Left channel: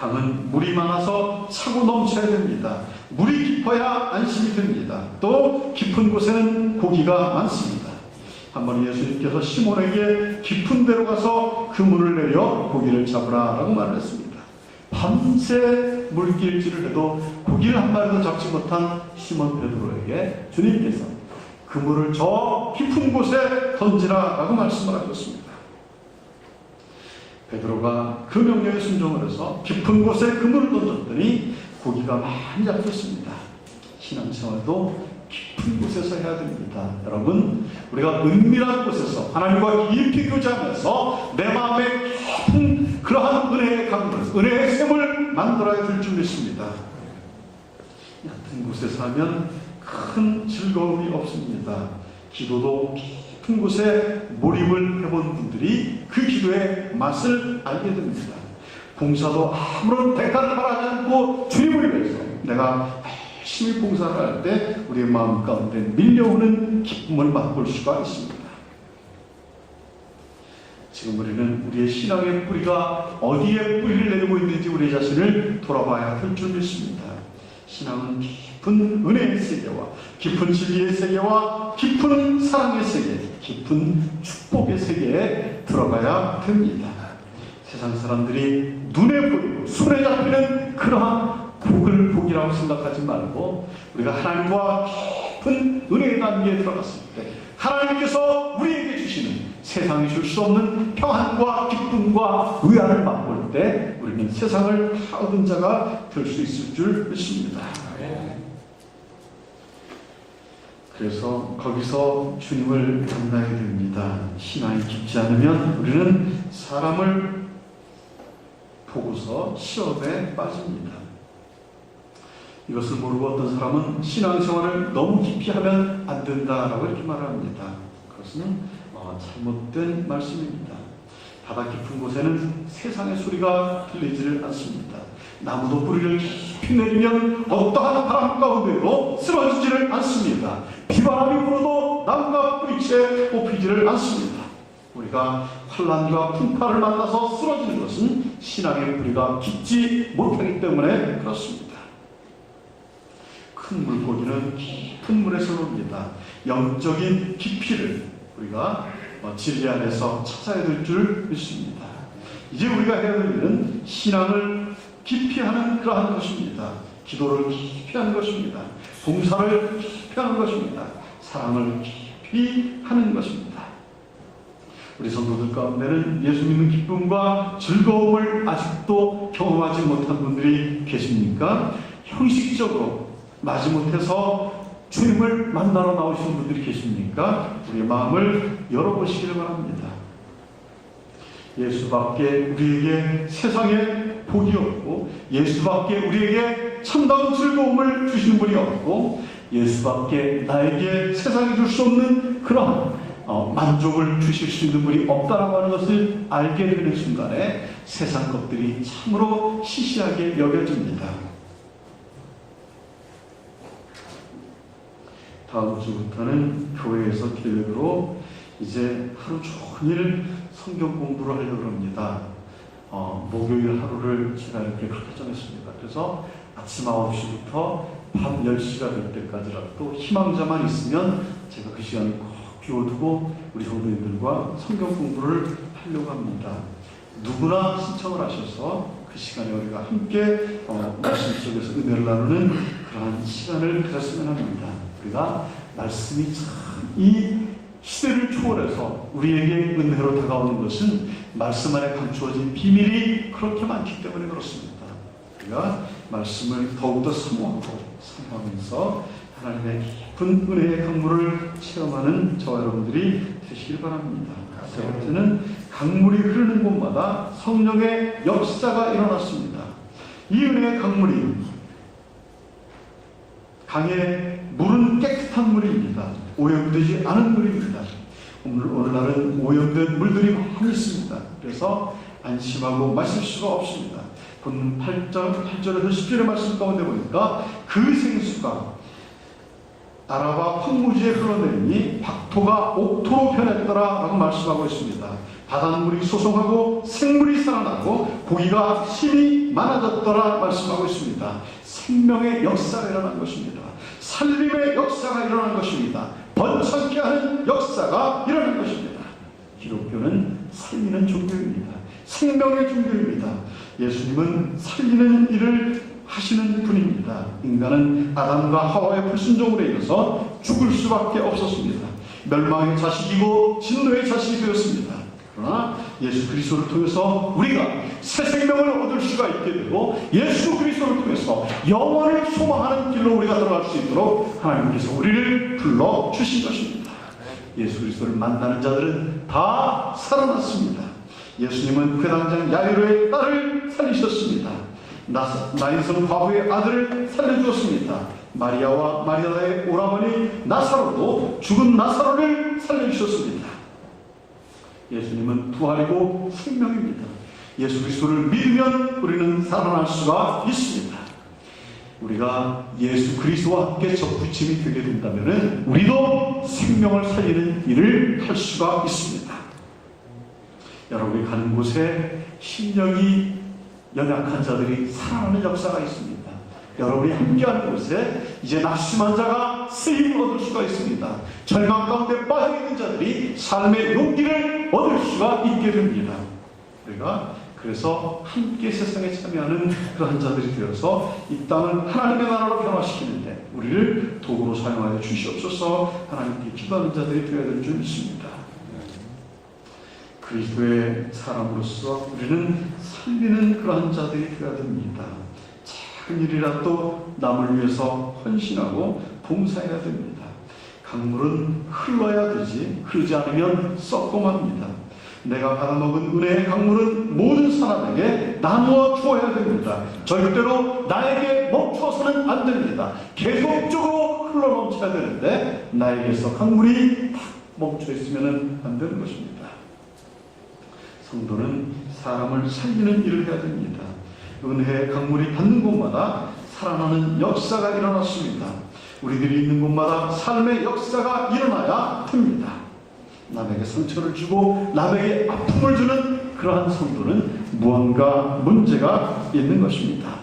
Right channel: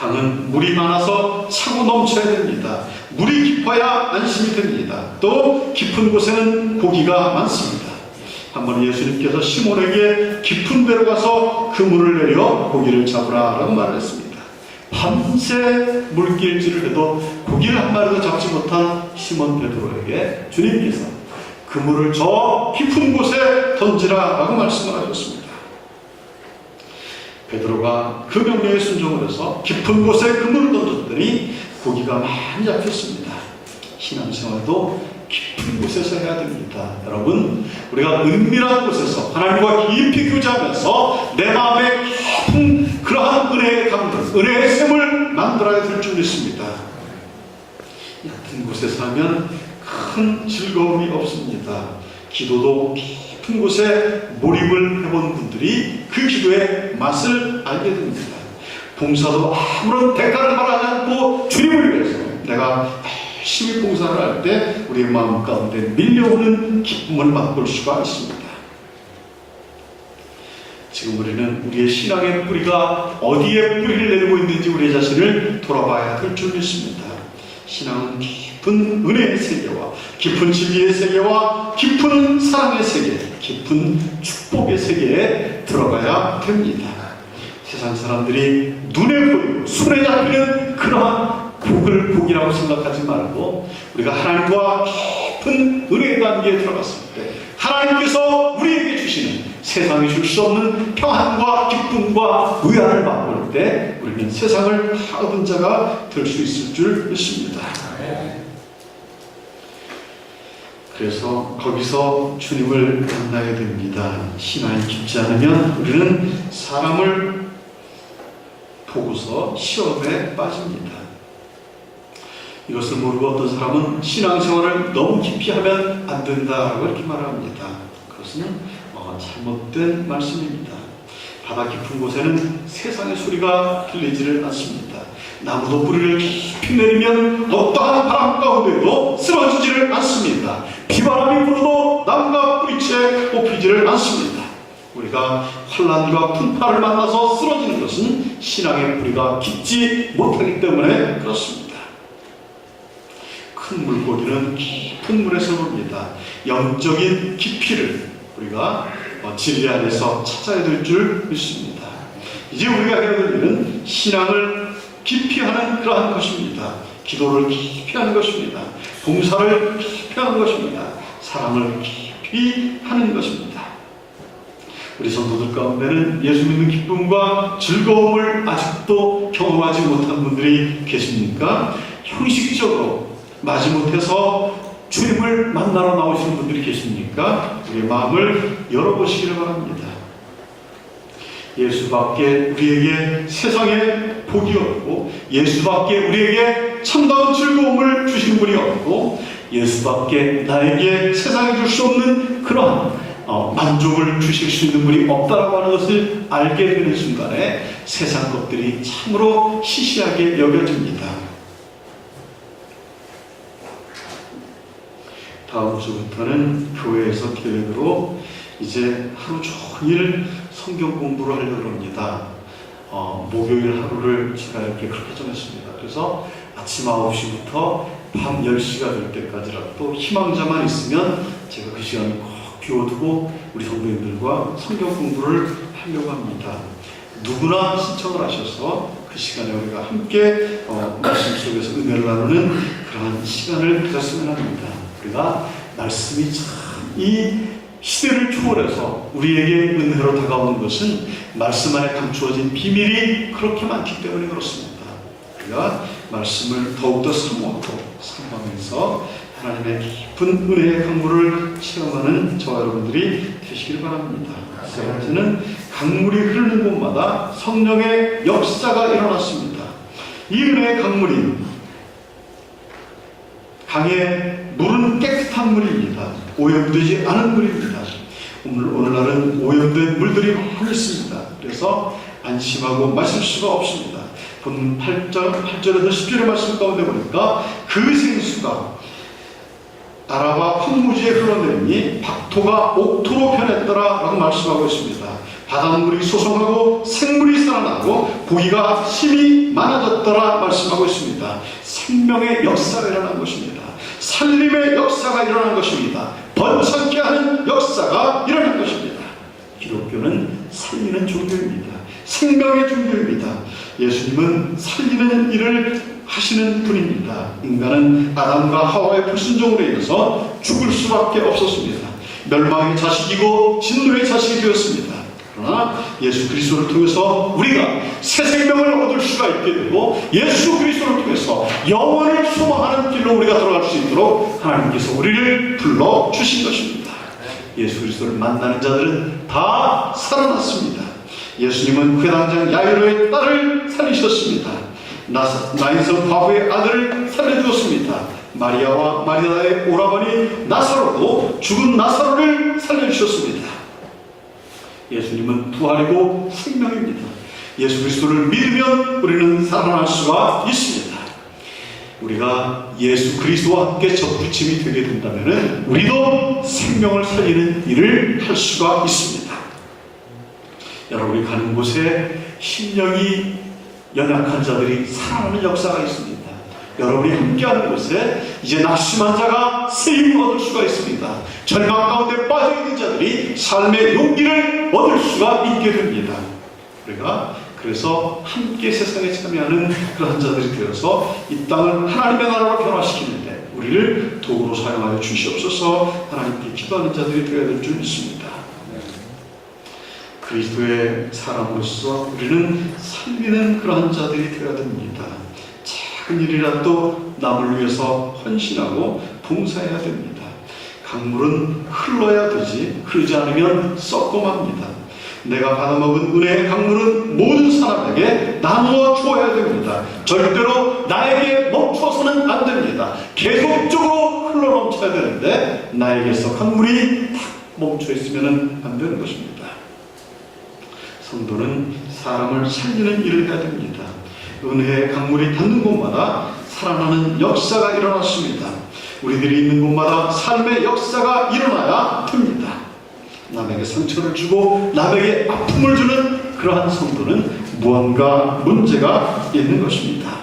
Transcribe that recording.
강은 물이 많아서 차고 넘쳐야 됩니다. 물이 깊어야 안심이 됩니다. 또 깊은 곳에는 고기가 많습니다. 한번 예수님께서 시몬에게 깊은 데로 가서 그물을 내려 고기를 잡으라 라고 말했습니다. 밤새 물길질을 해도 고기를 한 마리도 잡지 못한 시몬 베드로에게 주님께서 그물을 저 깊은 곳에 던지라 라고 말씀을 하셨습니다. 베드로가 그 명령에 순종을 해서 깊은 곳에 그물을 던졌더니 고기가 많이 잡혔습니다. 신앙생활도 깊은 곳에서 해야 됩니다. 여러분, 우리가 은밀한 곳에서 하나님과 깊이 교제하면서 내 마음에 깊은 그러한 은혜의 강물, 은혜의 샘을 만들어야 될 줄 믿습니다. 얕은 곳에서 하면 큰 즐거움이 없습니다. 기도도 깊은 곳에 몰입을 해본 분들이 그 기도의 맛을 알게 됩니다. 봉사도 아무런 대가를 바라지 않고 주님을 위해서 내가 열심히 봉사를 할 때 우리의 마음 가운데 밀려오는 기쁨을 맛볼 수가 있습니다. 지금 우리는 우리의 신앙의 뿌리가 어디에 뿌리를 내리고 있는지 우리 자신을 돌아봐야 될 줄 믿습니다. 신앙은 깊은 은혜의 세계와 깊은 진리의 세계와 깊은 사랑의 세계, 깊은 축복의 세계에 들어가야 됩니다. 세상 사람들이 눈에 보이고 손에 잡히는 그러한 복을 복이라고 생각하지 말고 우리가 하나님과 깊은 은혜의 단계에 들어갔을 때 하나님께서 우리에게 주시는 세상이 줄 수 없는 평안과 기쁨과 의안을 맛볼 때 우리는 세상을 다 얻은 자가 될 수 있을 줄 믿습니다. 그래서 거기서 주님을 만나야 됩니다. 신앙이 깊지 않으면 우리는 사람을 보고서 시험에 빠집니다. 이것을 모르고 어떤 사람은 신앙생활을 너무 깊이 하면 안 된다라고 이렇게 말합니다. 그것은 잘못된 말씀입니다. 바다 깊은 곳에는 세상의 소리가 들리지를 않습니다. 나무도 뿌리를 깊이 내리면 어떠한 바람 가운데도 쓰러지지를 않습니다. 비바람이 불어도 나무가 뿌리채 뽑히지를 않습니다. 우리가 환난과 풍파를 만나서 쓰러지는 것은 신앙의 뿌리가 깊지 못하기 때문에 그렇습니다. 큰 물고기는 깊은 물에서 놉니다. 영적인 깊이를 우리가 진리 안에서 찾아야 될 줄 믿습니다. 이제 우리가 해야 될 일은 신앙을 깊이 하는 그러한 것입니다. 기도를 깊이 하는 것입니다. 봉사를 깊이 하는 것입니다. 사랑을 깊이 하는 것입니다. 우리 성도들 가운데는 예수 믿는 기쁨과 즐거움을 아직도 경험하지 못한 분들이 계십니까? 형식적으로 마지못해서 주님을 만나러 나오시는 분들이 계십니까? 우리의 마음을 열어보시기를 바랍니다. 예수밖에 우리에게 세상에 복이 없고 예수밖에 우리에게 참다운 즐거움을 주신 분이 없고 예수밖에 나에게 세상에 줄 수 없는 그러한 만족을 주실 수 있는 분이 없다라고 하는 것을 알게 되는 순간에 세상 것들이 참으로 시시하게 여겨집니다. 다음 주부터는 교회에서 계획으로 이제 하루 종일 성경 공부를 하려고 합니다. 목요일 하루를 제가 이렇게 그렇게 정했습니다. 그래서 아침 9시부터 밤 10시가 될 때까지라도 희망자만 있으면 제가 그 시간을 꼭 비워두고 우리 성도님들과 성경 공부를 하려고 합니다. 누구나 신청을 하셔서 그 시간에 우리가 함께 말씀 속에서 은혜를 나누는 그러한 시간을 가졌으면 합니다. 우리가 말씀이 참 이 시대를 초월해서 우리에게 은혜로 다가오는 것은 말씀 안에 감추어진 비밀이 그렇게 많기 때문에 그렇습니다. 우리가 말씀을 더욱더 사모하면서 하나님의 깊은 은혜의 강물을 체험하는 저와 여러분들이 되시길 바랍니다. 세 번째는 강물이 흐르는 곳마다 성령의 역사가 일어났습니다. 이 은혜의 강물이 강의 물은 깨끗한 물입니다. 오염되지 않은 물입니다. 오늘날은 오염된 물들이 많이 있습니다. 그래서 안심하고 마실 수가 없습니다. 본문 8절에서 10절의 말씀 가운데 보니까 그 생수가 아라바 황무지에 흘러내리니 박토가 옥토로 변했더라 라고 말씀하고 있습니다. 바닷물이 소송하고 생물이 살아나고 고기가 힘이 많아졌더라 말씀하고 있습니다. 생명의 역사가 일어난 것입니다. 살림의 역사가 일어난 것입니다. 번창케 하는 역사가 일어난 것입니다. 기독교는 살리는 종교입니다. 생명의 종교입니다. 예수님은 살리는 일을 하시는 분입니다. 인간은 아담과 하와의 불순종으로 인해서 죽을 수밖에 없었습니다. 멸망의 자식이고 진노의 자식이 되었습니다. 그러나 예수 그리스도를 통해서 우리가 새 생명을 얻을 수가 있게 되고 예수 그리스도를 통해서 영원을 소망하는 길로 우리가 들어갈 수 있도록 하나님께서 우리를 불러주신 것입니다. 예수 그리스도를 만나는 자들은 다 살아났습니다. 예수님은 회당장 야이로의 딸을 살리셨습니다. 나인성 과부의 아들을 살려주었습니다. 마리아와 마리아의 오라버니 나사로도 죽은 나사로를 살려주셨습니다. 예수님은 부활이고 생명입니다. 예수 그리스도를 믿으면 우리는 살아날 수가 있습니다. 우리가 예수 그리스도와 함께 접붙임이 되게 된다면 우리도 생명을 살리는 일을 할 수가 있습니다. 여러분이 가는 곳에 심령이 연약한 자들이 살아나는 역사가 있습니다. 여러분이 함께하는 곳에 이제 낙심한 자가 세임을 얻을 수가 있습니다. 절망 가운데 빠져있는 자들이 삶의 용기를 얻을 수가 있게 됩니다. 우리가 그래서 함께 세상에 참여하는 그러한 자들이 되어서 이 땅을 하나님의 나라로 변화시키는데 우리를 도구로 사용하여 주시옵소서. 하나님께 기도하는 자들이 되어야 될 줄 믿습니다. 그리스도의 사람으로서 우리는 살리는 그러한 자들이 되어야 됩니다. 작은 일이라도 남을 위해서 헌신하고 봉사해야 됩니다. 강물은 흘러야 되지 흐르지 않으면 썩고 맙니다. 내가 받아먹은 은혜의 강물은 모든 사람에게 나누어 주어야 됩니다. 절대로 나에게 멈춰서는 안 됩니다. 계속적으로 흘러넘쳐야 되는데 나에게서 강물이 탁 멈춰 있으면 안 되는 것입니다. 성도는 사람을 살리는 일을 해야 됩니다. 은혜의 강물이 닿는 곳마다 살아나는 역사가 일어났습니다. 우리들이 있는 곳마다 삶의 역사가 일어나야 됩니다. 남에게 상처를 주고 남에게 아픔을 주는 그러한 성도는 무언가 문제가 있는 것입니다.